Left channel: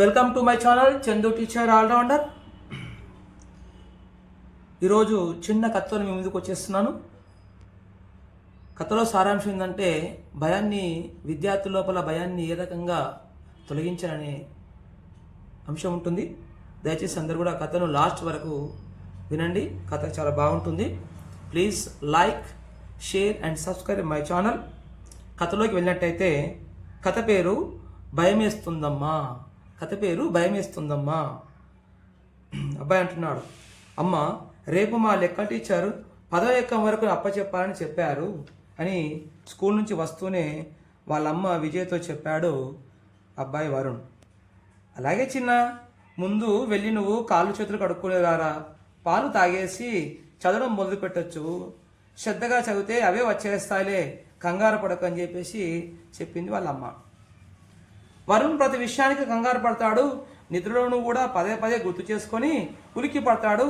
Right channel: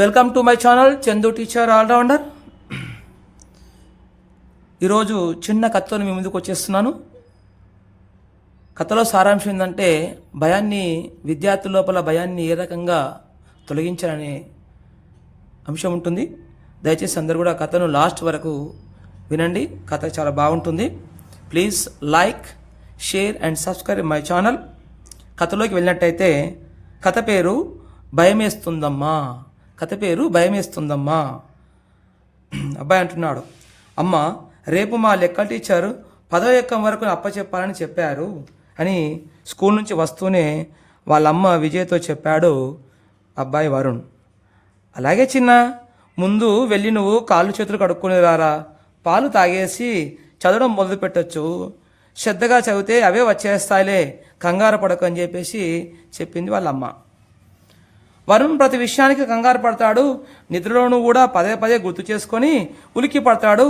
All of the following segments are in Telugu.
Welcome to my channel Chandu teacher all rounder. ఈరోజు చిన్న కథతో మీ ముందుకు వచ్చేస్తున్నాను. కథలో సారాంశం ఏంటంటే విద్యార్థుల లోపల భయాన్ని ఏ రకంగా తొలగించాలనే అంశం ఉంటుంది. దయచేసి అందరూ కూడా కథను లాస్ట్ వరకు వినండి. కథ చాలా బాగుంటుంది. Please like, share and subscribe my channel. కథలోకి వెళ్ళినట్టయితే కథ పేరు భయమేస్తుందమ్మా. అబ్బాయి అంటున్నాడు, అమ్మ రేపు మా లెక్క టీచర్ 10వ ఎక్కం వరకు అప్పచెప్పాలని చెప్పారు అని స్కూల్ నుంచి వస్తూనే వాళ్ళమ్మ విజయ్తో చెప్పాడు అబ్బాయి వరుణ్. అలాగే చిన్న, ముందు వెళ్ళి నువ్వు కాళ్ళు చేతులు కడుక్కునే రారా, పాలు తాగేసి చదవడం మొదలు పెట్టచ్చు, శ్రద్ధగా చదివితే అవే వచ్చేస్తాయిలే, కంగారు పడకు అని చెప్పేసి చెప్పింది వాళ్ళమ్మ. వరుణ్ ప్రతి విషయానికి కంగారు పడతాడు. నిద్రలోనూ కూడా పదే పదే గుర్తు చేసుకొని ఉలిక్కి పడతాడు.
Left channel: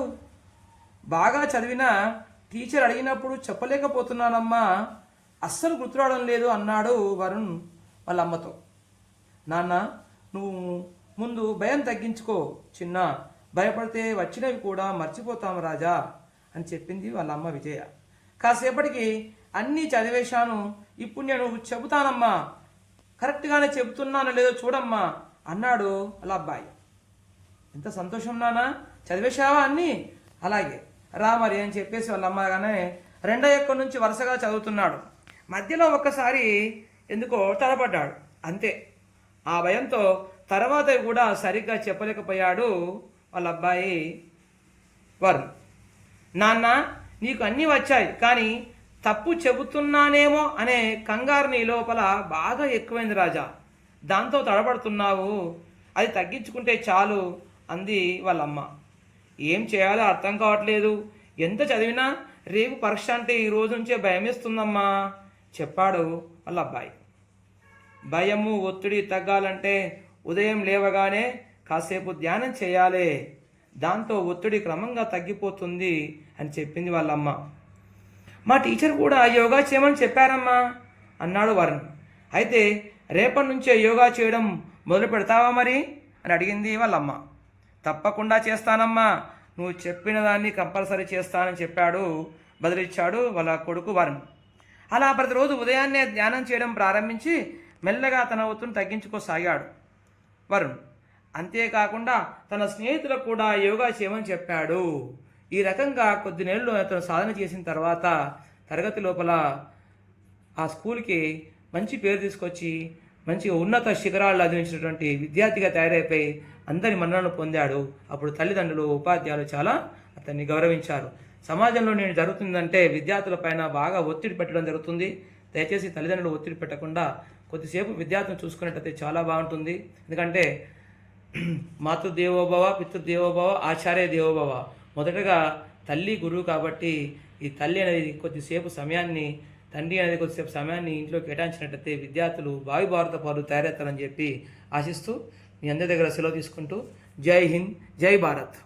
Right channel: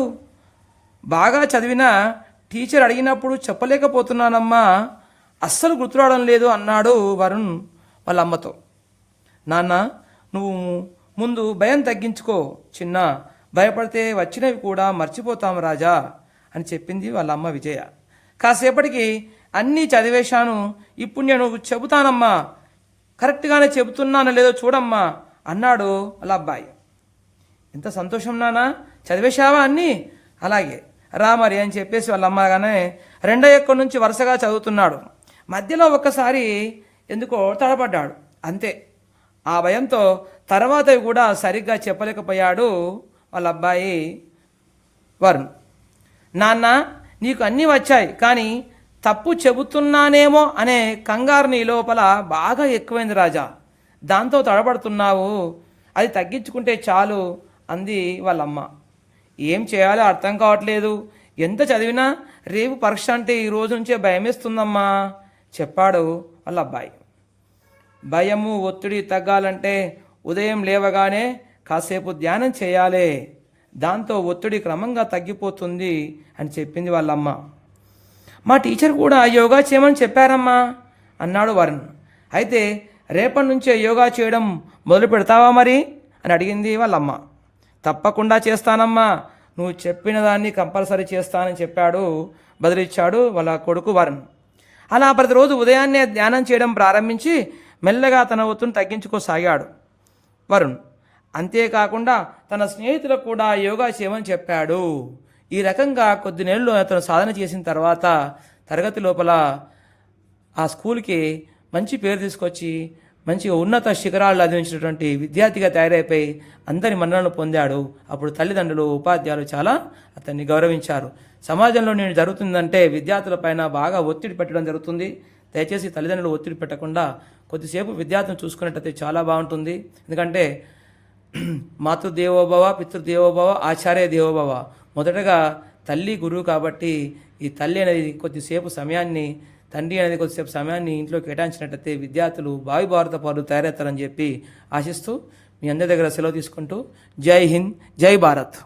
బాగా చదివిన టీచర్ అడిగినప్పుడు చెప్పలేకపోతున్నానమ్మా, అస్సలు గుర్తురావడం లేదు అన్నాడు వరుణ్ వాళ్ళ అమ్మతో. నాన్న, నువ్వు ముందు భయం తగ్గించుకో చిన్న, భయపడితే వచ్చినవి కూడా మర్చిపోతాం రాజా అని చెప్పింది వాళ్ళ అమ్మ విజయ. కాసేపటికి అన్నీ చదివేశాను, ఇప్పుడు నేను చెబుతానమ్మా, కరెక్ట్గానే చెబుతున్నాను లేదో చూడమ్మా అన్నాడు వాళ్ళ అబ్బాయి. ఎంత సంతోషం నానా, చదివేశావా అన్నీ? అలాగే రా మరి అని చెప్పేసి వాళ్ళ అమ్మగానే 2వ ఎక్కం నుంచి వరుసగా చదువుతున్నాడు. మధ్యలో ఒక్కసారి ఎందుకో తడబడ్డాడు, అంతే. ఆ భయంతో తర్వాత కూడా సరిగ్గా చెప్పలేకపోయాడు వాళ్ళ అబ్బాయి వరుణ్. నాన్న, నీకు అన్నీ వచ్చాయి, కానీ తప్పు చెబుతున్నానేమో అనే కంగారు నీ లోపల బాగా ఎక్కువైంది రాజా, దాంతో తడబడుతున్నావు, అది తగ్గించుకుంటే చాలు అంది వాళ్ళమ్మ. ఏం చేయాలో అర్థం కావట్లేదు, ఎంత చదివినా రేపు పరీక్ష అంటే ఈ రోజు నుంచే భయమేస్తుందమ్మా చెప్పాడు వాళ్ళ అబ్బాయి. భయము ఒత్తిడి తగ్గాలంటే ఉదయం లేవగానే కాసేపు ధ్యానం చేయాలి, దాంతో ఒత్తిడి క్రమంగా తగ్గిపోతుంది అని చెప్పింది వాళ్ళమ్మ. మా టీచర్ కూడా యోగా చేయమని చెప్పారమ్మా అన్నాడు వరుణ్. అయితే రేపటి నుంచే యోగా చేయడం మొదలు పెడతావా మరి అని అడిగింది వాళ్ళమ్మ. తప్పకుండా చేస్తానమ్మా, నువ్వు చెప్పిన దాన్ని కంపల్సరీ చేస్తానని బదిలిచ్చాడు వాళ్ళ కొడుకు వరుణ్. అలా ప్రతిరోజు ఉదయాన్నే ధ్యానం చేయడం ప్రారంభించి మెల్లగా తన ఒత్తిడిని తగ్గించుకోసాగాడు వరుణ్. అంతేకాకుండా తన స్నేహితులకు కూడా యోగా చేయమని చెప్పాడు. ఈ రకంగా కొద్ది నెలలు అతను సాధన చేసిన తర్వాత తరగతి లోపల ఆ స్కూల్కి మంచి పేరు తీసుకొచ్చి మంచిగా ఉన్నత శిఖరాలు అందించినటువంటి విద్యార్థిగా తయారైపోయి అందరి మన్ననలు పొందాడు. అప్పుడు తల్లిదండ్రులు, ఉపాధ్యాయులు చాలా అతన్ని గౌరవించారు. సమాజంలో నేను జరుగుతుందంటే విద్యార్థుల పైన బాగా ఒత్తిడి పెట్టడం జరుగుతుంది. దయచేసి తల్లిదండ్రులు ఒత్తిడి పెట్టకుండా కొద్దిసేపు విద్యార్థులను చూసుకున్నట్టయితే చాలా బాగుంటుంది. ఎందుకంటే మాతృదేవోభవ, పితృదేవోభవ, ఆచార్య దేవోభవ. మొదటగా తల్లి గురువు కాబట్టి ఈ తల్లి అనేది కొద్దిసేపు సమయాన్ని, తండ్రి అనేది కొద్దిసేపు సమయాన్ని ఇంట్లో కేటాయించినట్టయితే విద్యార్థులు భావి భారత పౌరులు తయారవుతారని చెప్పి ఆశిస్తూ మీ అందరి దగ్గర సెలవు తీసుకుంటూ జై హింద్, జై భారత్.